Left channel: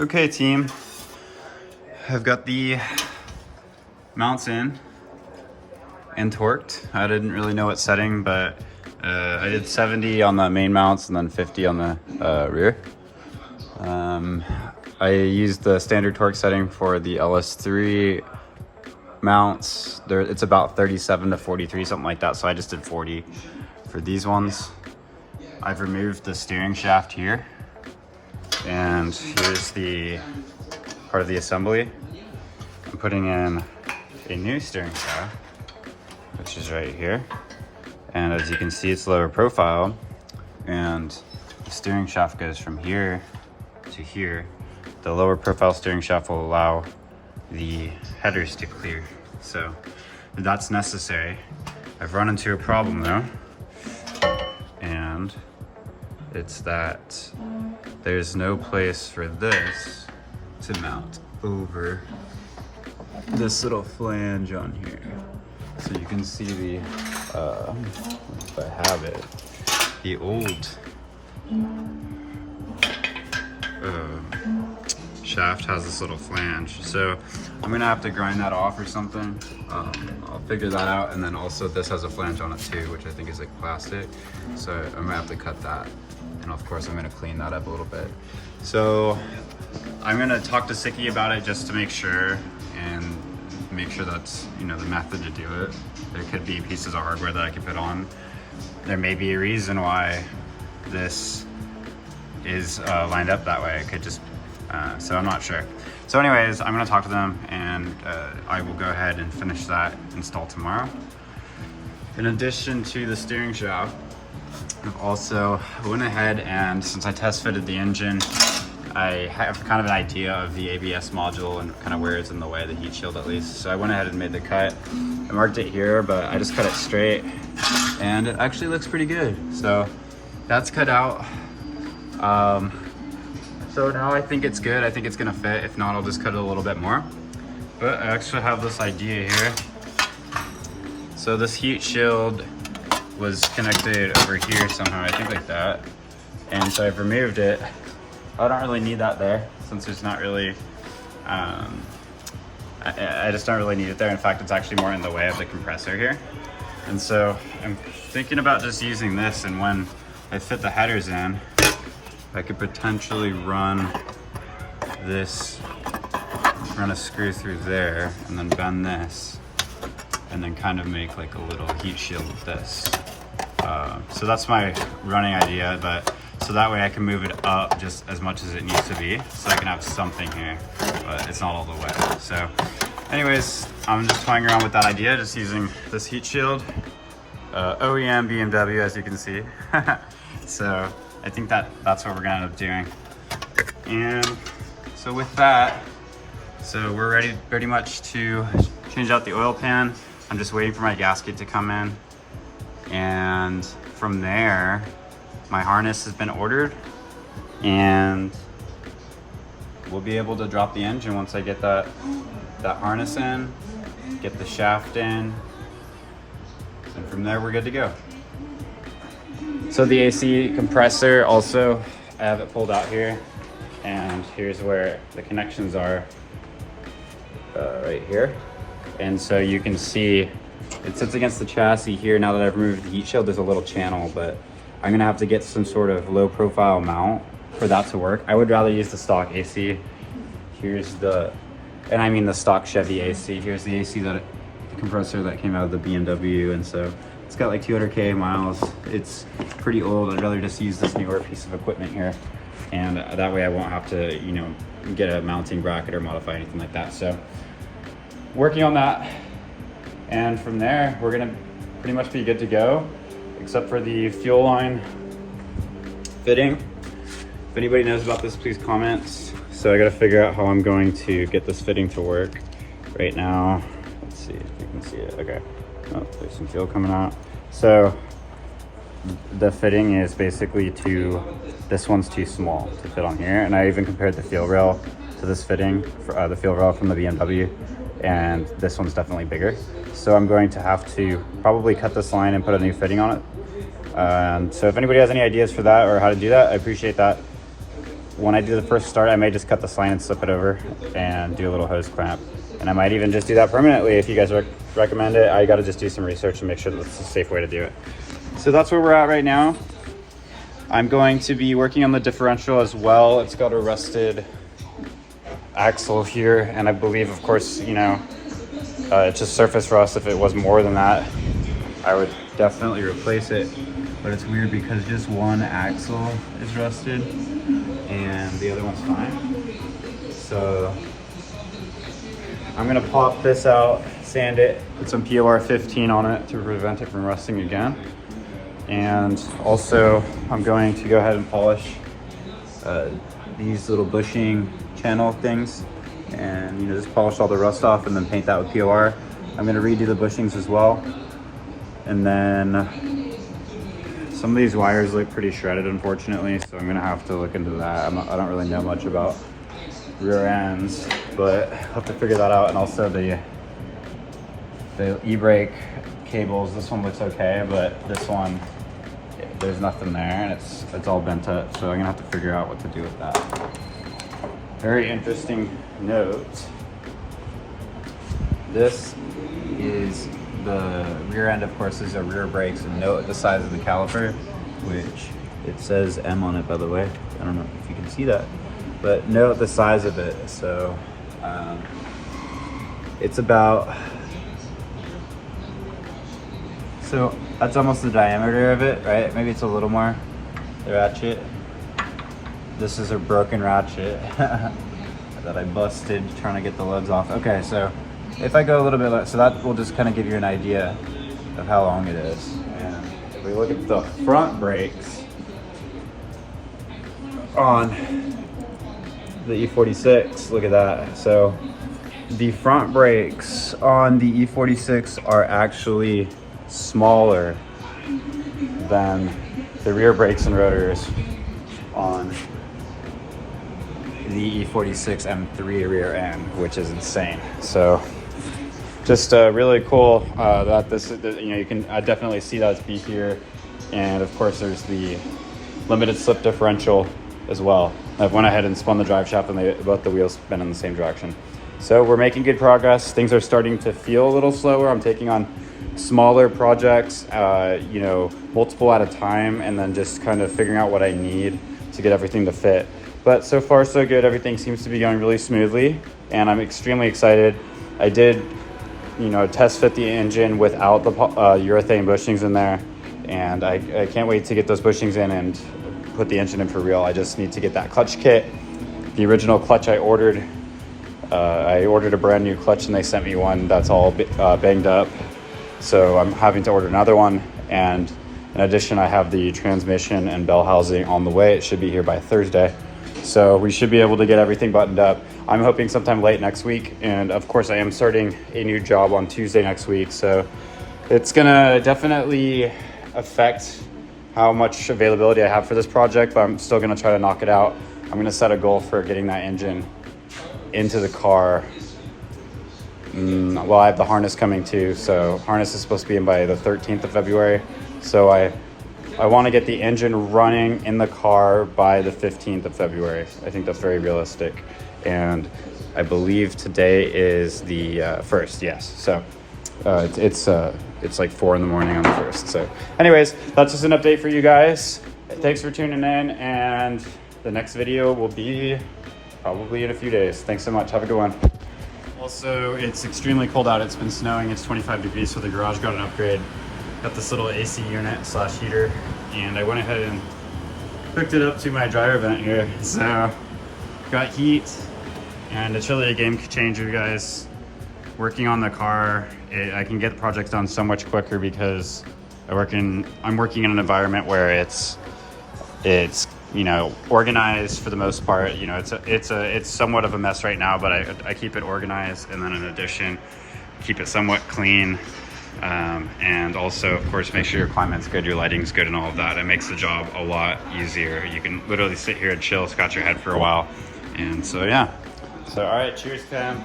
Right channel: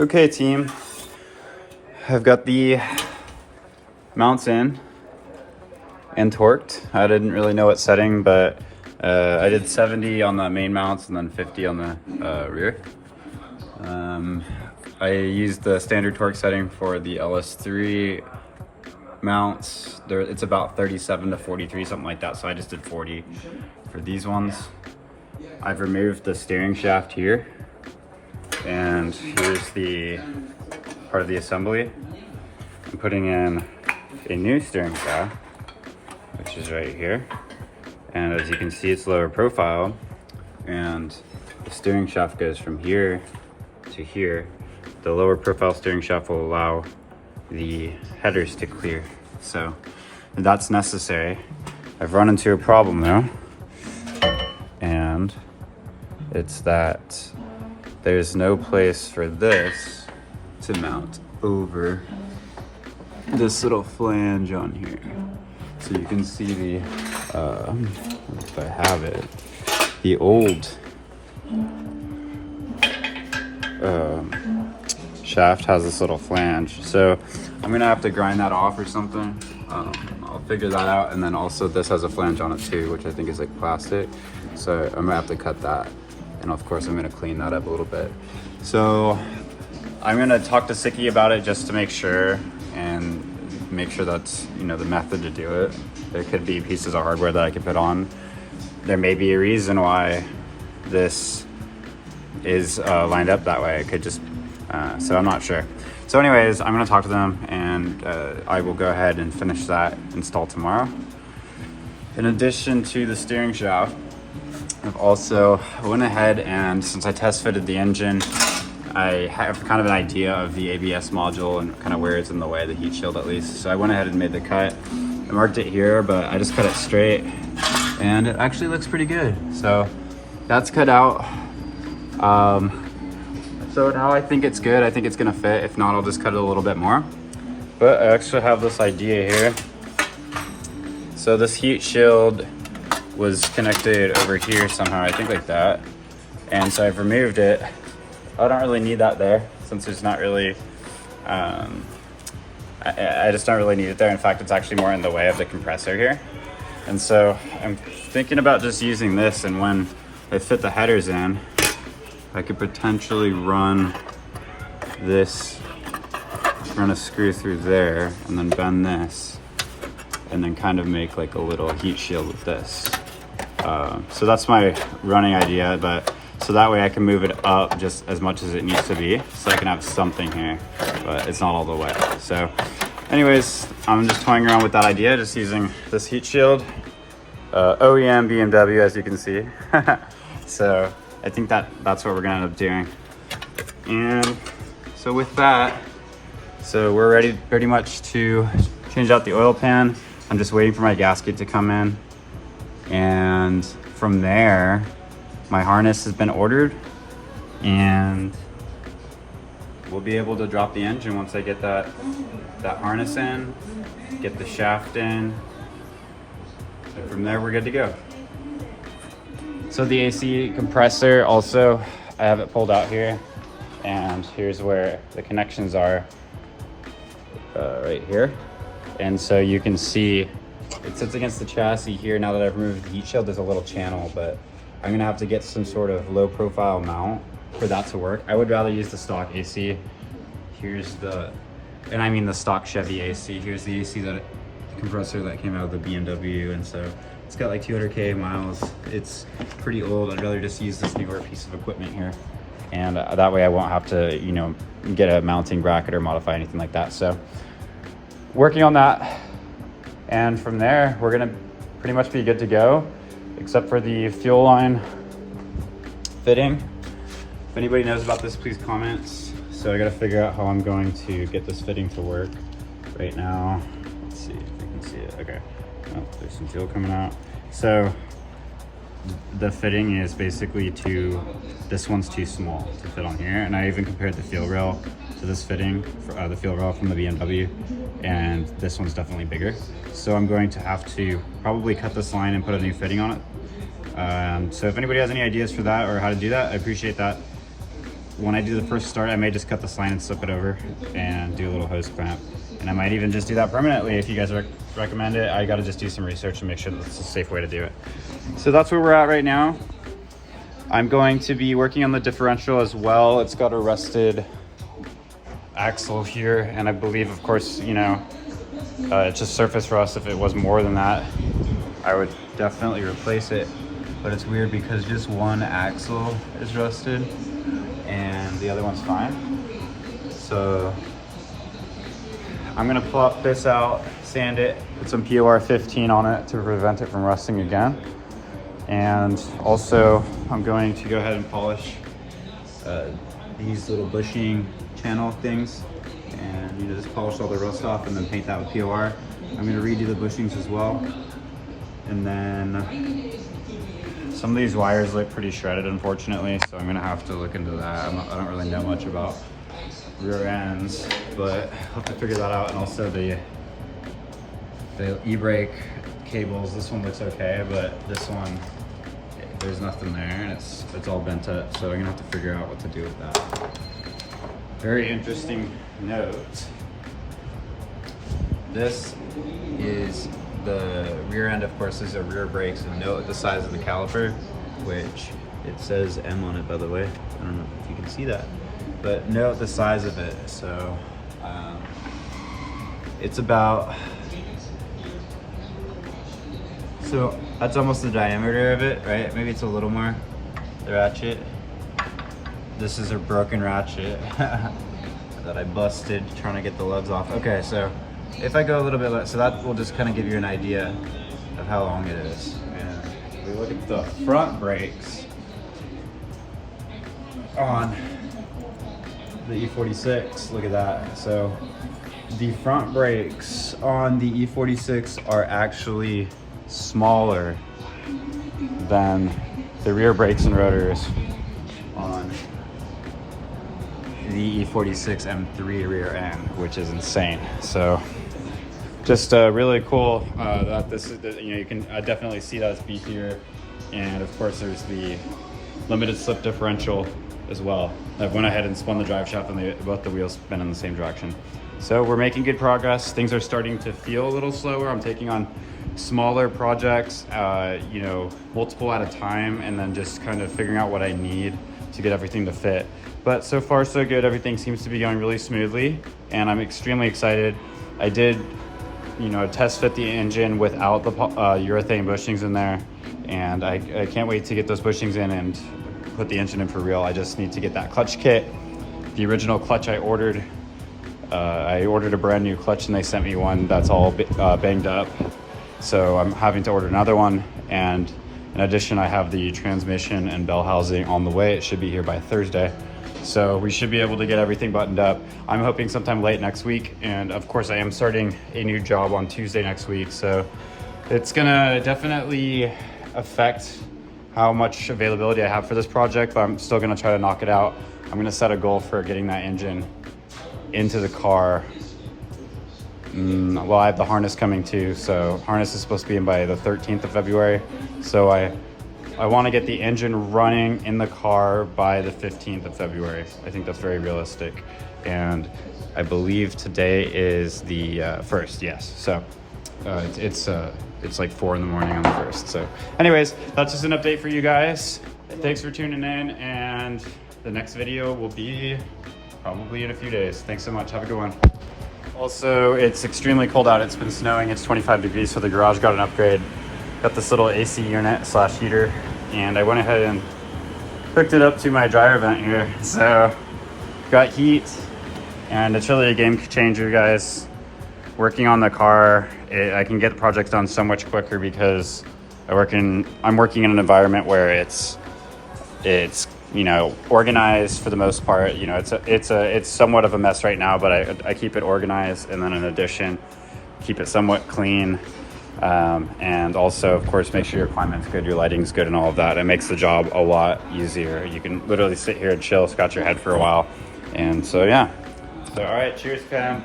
Okay, team. I've got the mounts in and torqued. I didn't really know what setting, but I did 70 on the main mounts and then 50 on the rear. I used the standard torque setting for the LS3 mounts. It's about 37 to 43, something like that. So I just did 40 for these ones. I've removed the steering shaft here. And here's the part of the assembly. I'm putting in a new steering shaft, which is right here. And as you can see, it's lower profile. And the steering shaft goes from here to here. The lower profile steering shaft will allow the headers to clear. So that's necessary. I've run into a problem though. And it's that there's no place for this to mount over this little flange on here. So you can see the, if I have it, the old shaft has this little flange. So I'm gonna have to grind that off or something. I'll figure that out. And then also this has a flange on it too, which I think is like plastic. So I'm gonna have to cut that. And of course I'm gonna clean that up a little bit. So I'm gonna talk to Sicky about it just to make sure and make sure that's, you know, the method to do it. There could be pieces of hardware that I could put on. There may be a reason why this is lined up that way. It could just, so I'm not sure. So anyways, I'm gonna talk to them and I will go ahead and finish that install tomorrow. In addition to the steering shaft, I've also went ahead and since I test fitted the engine, I have kind of an idea of the ABS module and kind of where it's in the way, the heat shield at least. So I went ahead and made the cut. I marked it here, but I just cut it straight and it actually looks pretty good. So that's cut out. So now I think it's good. I think it's gonna fit. If not, I'll just cut it a little bit more. But I actually have this idea here. So this heat shield was connected over here somehow, I think like that. And so I've removed it. I don't really need that there since there's not really, I just don't really need it there. In fact, it's actually more in the way of the compressor here. And so I'm thinking about just using this, and when I fit the headers in, I could potentially run this, run a screw through there and then bend this and then kind of make like a little heat shield with this. So that's my running idea, but so that way I can move it up just as much as it needs to be, so I can have something here, but it's not all the way. So anyways, I'm just toying around with that idea, just using this heat shield. OEM BMW, as you can see. So I think that's what we're gonna end up doing. And so with that, so we're ready pretty much to change out the oil pan. I'm just waiting for my gasket to come in. And from there, my harness has been ordered and we'll be able to drop the engine once I get that harness in, get the shaft in, and from there we're good to go. So the AC compressor also, I have it pulled out here, and here's where the connections are, right here. And so you can see it sits against the chassis here. Now that I've removed the heat shield, there's a little channel, but I'm gonna have to get some sort of low profile mount for that to work. I would rather use the stock AC. Here's the, and I mean the stock Chevy AC. Here's the AC the compressor that came out of the BMW, and so it's got like 200K miles. It's pretty old. I'd rather just use this newer piece of equipment here. And that way I won't have to, you know, get a mounting bracket or modify anything like that. So working on that. And from there, we're gonna pretty much be good to go, except for the fuel line fitting. If anybody knows about this, please comment. So I gotta figure out how I'm going to get this fitting to work. Right now, let's see if you can see it, okay. Oh, there's some fuel coming out. So the fitting is basically this one's too small to fit on here. And I even compared the fuel rail to this fitting, for, the fuel rail from the BMW, and this one's definitely bigger. So I'm going to have to probably cut this line and put a new fitting on it. So if anybody has any ideas for that or how to do that, I appreciate that. when I do the first start, I may just cut the line and slip it over and do a little hose clamp. And I might even just do that permanently if you guys recommend it. I gotta just do some research and make sure that's a safe way to do it. So that's where we're at right now. I'm going to be working on the differential as well. It's got a rusted axle here, and I believe, of course, you know, it's a surface rust. If it was more than that, I would definitely replace it. But it's weird because just one axle is rusted and the other one's fine. So I'm gonna pop this out, sand it, put some POR 15 on it to prevent it from rusting again. And also I'm going to go ahead and polish these little bushing channel things, and, you know, just polish all the rust off and then paint that with POR. I'm gonna redo the bushings as well. And then some of these wires look pretty shredded, unfortunately, so I'm gonna have to look into that. I don't really know much about rear ends, but I'll have to figure that out. And also the e-brake cables, this one looks okay, but this one, there's nothing there, and it's all bent up, so I'm gonna have to figure out what to do with that. Very interesting note. This is the rear end, of course. These are rear brakes, and note the size of the caliper, which it says M on it, by the way. I don't know if you can see that, but note the size of it. So it's about, so that's almost the diameter of it, right? Maybe it's a little more, the ratchet. This is a broken ratchet that I busted trying to get the lugs off. Okay, so if I go a little bit less, so that will just kind of give you an idea of how long it is. And if we look at the front brakes on the E46, look at that. So the front brakes on the E46 are actually smaller than the rear brakes and rotors on the E46 M3 rear end, which is insane. So just really cool that this, you know, you can definitely see that it's beefier. And of course there's the limited slip differential as well. I've went ahead and spun the drive shaft, and both the wheels spin in the same direction. So we're making good progress. Things are starting to feel a little slower. I'm taking on smaller projects, you know, multiple at a time, and then just kind of figuring out what I need to get everything to fit. But so far so good. Everything seems to be going really smoothly, and I'm extremely excited. I did, you know, test fit the engine without the urethane bushings in there, and I can't wait to get those bushings in and put the engine in for real. I just need to get that clutch kit. The original clutch I ordered a brand new clutch, and they sent me one that's all banged up. So I'm having to order another one. And in addition, I have the transmission and bell housing on the way. It should be here by Thursday. So we should be able to get everything buttoned up. I'm hoping sometime late next week. And of course I am starting a new job on Tuesday next week. So it's gonna definitely affect how much availability I have for this project, but I'm still gonna try to knock it out. I'm gonna set a goal for getting that engine into the car. Well, I have the harness coming too. So harness is supposed to be in by the 13th of February. So I want to get the engine running in the car by the 15th of February. I think that's very realistic. And I believe today is the 1st, yes. So it's like 4 in the morning on the 1st. So anyways, that's just an update for you guys. Thanks for tuning in, and the next video will be probably in a few days. Thanks so much. Have a good one. Also, it's extremely cold out. It's been snowing. It's 25 degrees, so the garage got an upgrade. Got this little AC unit / heater, and I went ahead and hooked it up to my dryer vent here. So got heat and it's really a game changer, guys. Working on the car, I can get the project done so much quicker because I'm working in an environment where it's you know, organized for the most part. You know, it's somewhat of a mess right now, but I keep it organized, and then in addition, keep it somewhat clean. And also, of course, make sure your climate's good, your lighting's good, and all of that. It makes the job a lot easier. You can literally sit here and chill, scratch your head for a while. And so, yeah. So, all right, cheers, fam.